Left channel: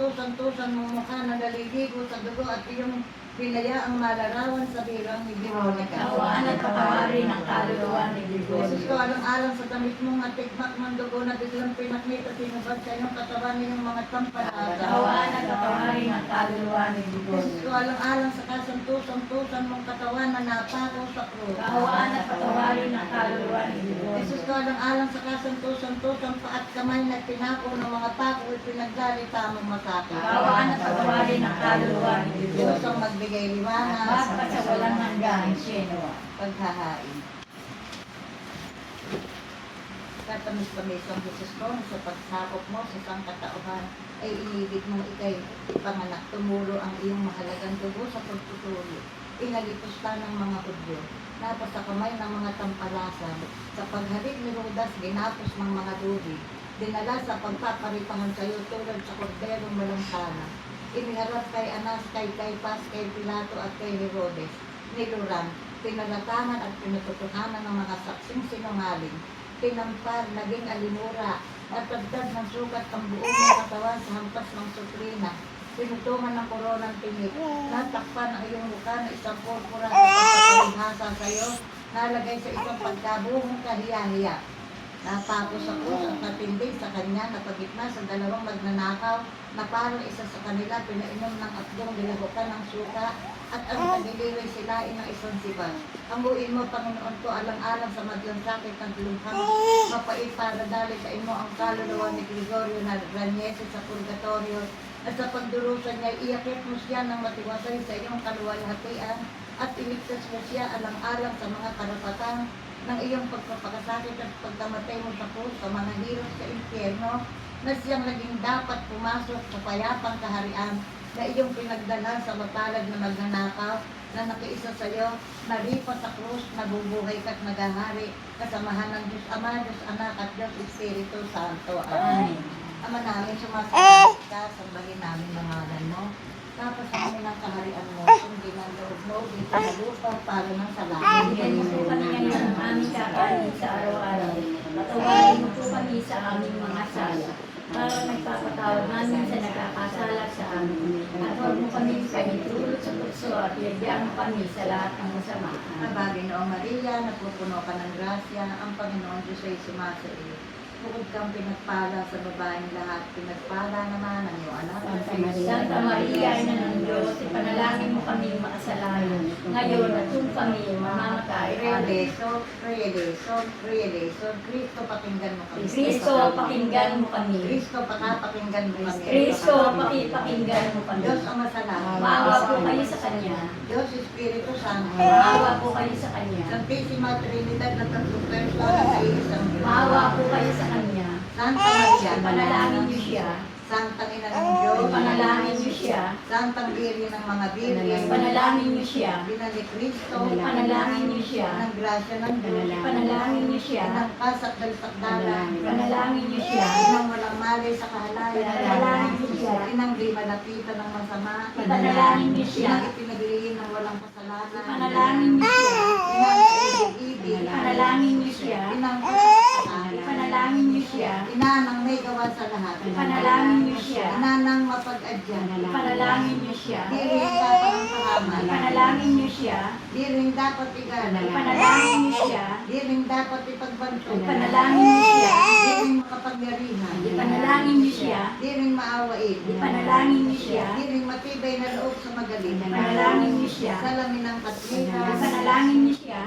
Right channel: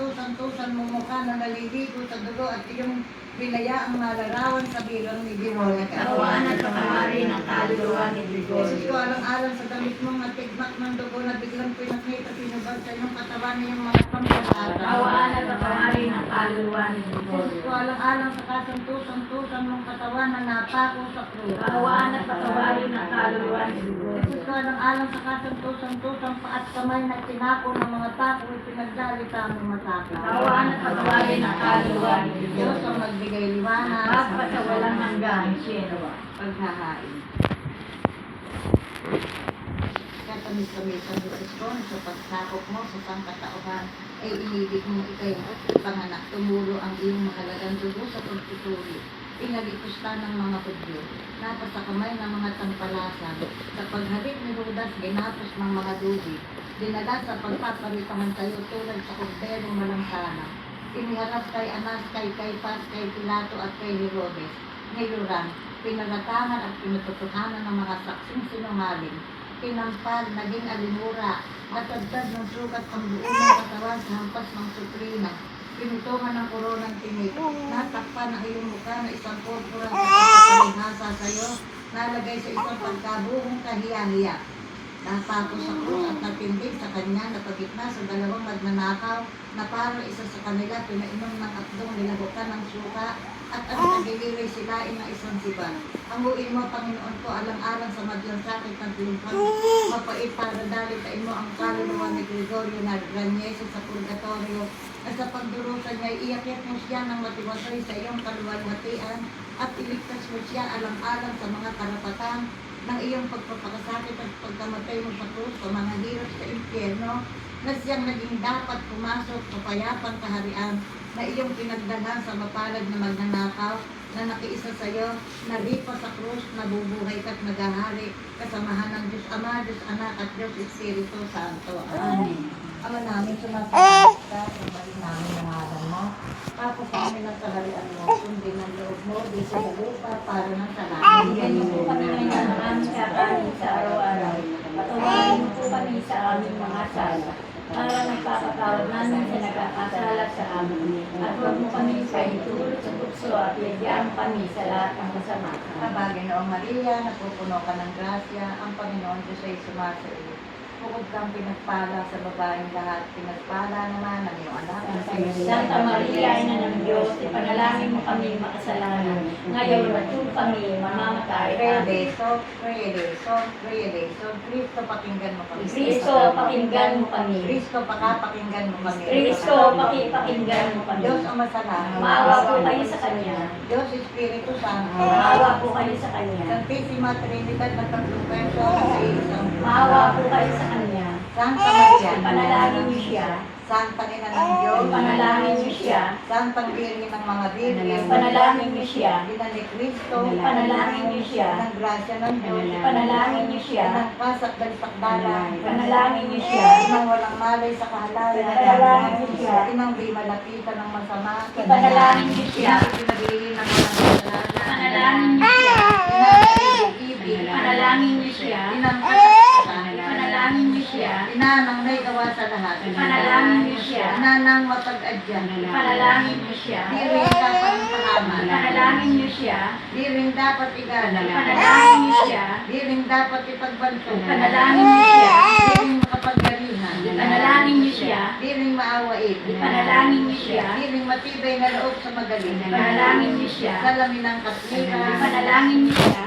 kasanto-santusan mong mukha na naliligo sa dugo at iyong pinayaang malarawan sa birang ni Veronica. Kaawaan at pakahari ng kaluluwa ni Gregorio. Jesus ko, alang-alang sa damit mong natigmak ng dugo na biglang pinakita sinubad sa iyong katawan niyong mga sampalata. Kaawaan at pakahari ng kaluluwa ni Jesus Gregorio. ko, alang-alang sa kasanto-santusan mong katawan na napako sa krus. Kaawaan at pakahari ng kaluluwa ni Gregorio. Jesus ko, alang-alang sa kasanto-santusan pa at kamay na pinako ng mga tako at pinagdalita mong masakit. Kaawaan at pakahari ng kaluluwa ni Diyos Gregorio. ang magbigay liwanag Magpat sa walang hanggan, sino? paghahain. Katamis-tamis ang Jesus ko sa pagsakop mo sa sangkatauhan ay inibig mong ikay ipanganak tumulo ang iyong mahalagang dugo sa pagtuturo. Pinalitos ka ng mga Hudyo, napasa kamay ng mga tampalasan. Sa paghalik ni Judas, ginapos ng mga dudi. Dinala sa pagpaparitahan sa iyo tulad sa korderong malangsana. Iniharap kay Anas, kay Caiphas, kay Pilato at kay Herodes. Niluran, pinaratangan at pinatutuhanan ng mga saksing sinungaling. Pinampal, naging alimura, at dagdag ng sukat ang buong ng katawan sa hampas ng suprina. Pinutungan ng koronang tinik. Natakpan ang iyong mukha na isang purpura sa pagpapalihasa sa iyo. Nalagay sa isang pagkabuhong kahiya-hiya. Napako sa krus at natindig sa kanya na pagitna sa dalawang magnanakaw na parang isa sa kanila pinainom ng atdong nilahukan ng suka at ang tagiliray silain ng isang sibat. Hanguin mo, Panginoon ko, alang-alang sa madlang sakit ng lumpang mapait para dalitain mo ang kaluluwa ni Gregorio na Ranyese sa purgatorio at sa pagdurusa niya, iakit mo siya ng matiwasay sa iyong kaluwalhatian at iligtas mo siya alang-alang sa mga karapatan ng iyong pagpapakasakit at pagkamatay mo sa krus sa mga hirap sa impyerno na siyang naging dapat pumasok sa payapang kaharian na iyong pinagdalhan sa mapalad na magnanakaw na nakiisa sa iyo, nalipa sa krus, nabubuhay ka't naghahari kasamahan ng Diyos Ama, Diyos Anak at Diyos Espiritu Santo. Amen. Ama namin, sumasalit ka, sambahin namin ang ngalan mo. Tapos namin ang kaharian mo, sundin ang loob mo, di sa lupa, para ng sa langit. Bigyan niyo po kami ngayon ng aming kakanin sa araw-araw. Patawarin niyo po kami sa aming mga sala. Para nagpapatawad namin sa nagkakasala sa amin. At huwag mo kami paitulog sa puso at bigyan kami sa lahat ng masama. Kabagay noong Maria, napupuno ka ng grasya, ang Panginoon Diyos ay sumasa iyo. Bukod kang pinagpala sa babaeng lahat, pinagpala naman ang iyong anak. Santa Maria, Ina ng Diyos, ipanalangin mo kami makasalanan. Ngayon at kung kami mamamatay. Realeson, Realeson, Realeson, Kristo pakinggan mo kami. Kristo, pakinggan mo kami. Kristo pakinggan mo kami. Kristo, pakinggan mo kami. Diyos ang masalanan. Maawa po kayo sa Kanya. Diyos Espiritu Santo. Maawa po kayo sa Kanya. Santissima Trinidad ng tatlong persona sa iisang Diyos. Maawa po kayo sa Kanya. Santa Maria, Ipanalangin niyo siya. Santang Ina ng Diyos, Ipanalangin niyo siya. Santang Birhen ng mga Birhen, Ipanalangin niyo siya. Ina ni Kristo, Ipanalangin niyo siya. ng grasya ng Diyos, Ipanalangin niyo siya. ng kasak dalisakdalan, Ipanalangin niyo siya. inang walang malay sa kahalayan, Ipanalangin niyo siya. inang di malapitan ng masama, Ipanalangin niyo siya. inang pinaglihin ng walang kasalanan, Ipanalangin niyo siya. inang ibig, Ipanalangin niyo siya. inang kasalanan, Ipanalangin niyo siya. inanang naigawa sa lahat, Ipanalangin niyo siya. inanang mapag-adyan, Ipanalangin niyo siya. di rin dapat kahaman, Ipanalangin niyo siya. di rin dapat igala, Ipanalangin niyo siya. di rin dapat ipagbanto, Ipanalangin niyo siya. di rin makapagyarihan, Ipanalangin niyo siya. di rin maawain, Ipanalangin niyo siya. di rin matibay na loob sa magaling, Ipanalangin niyo siya. salamin ng katwiran, Ipanalangin niyo siya.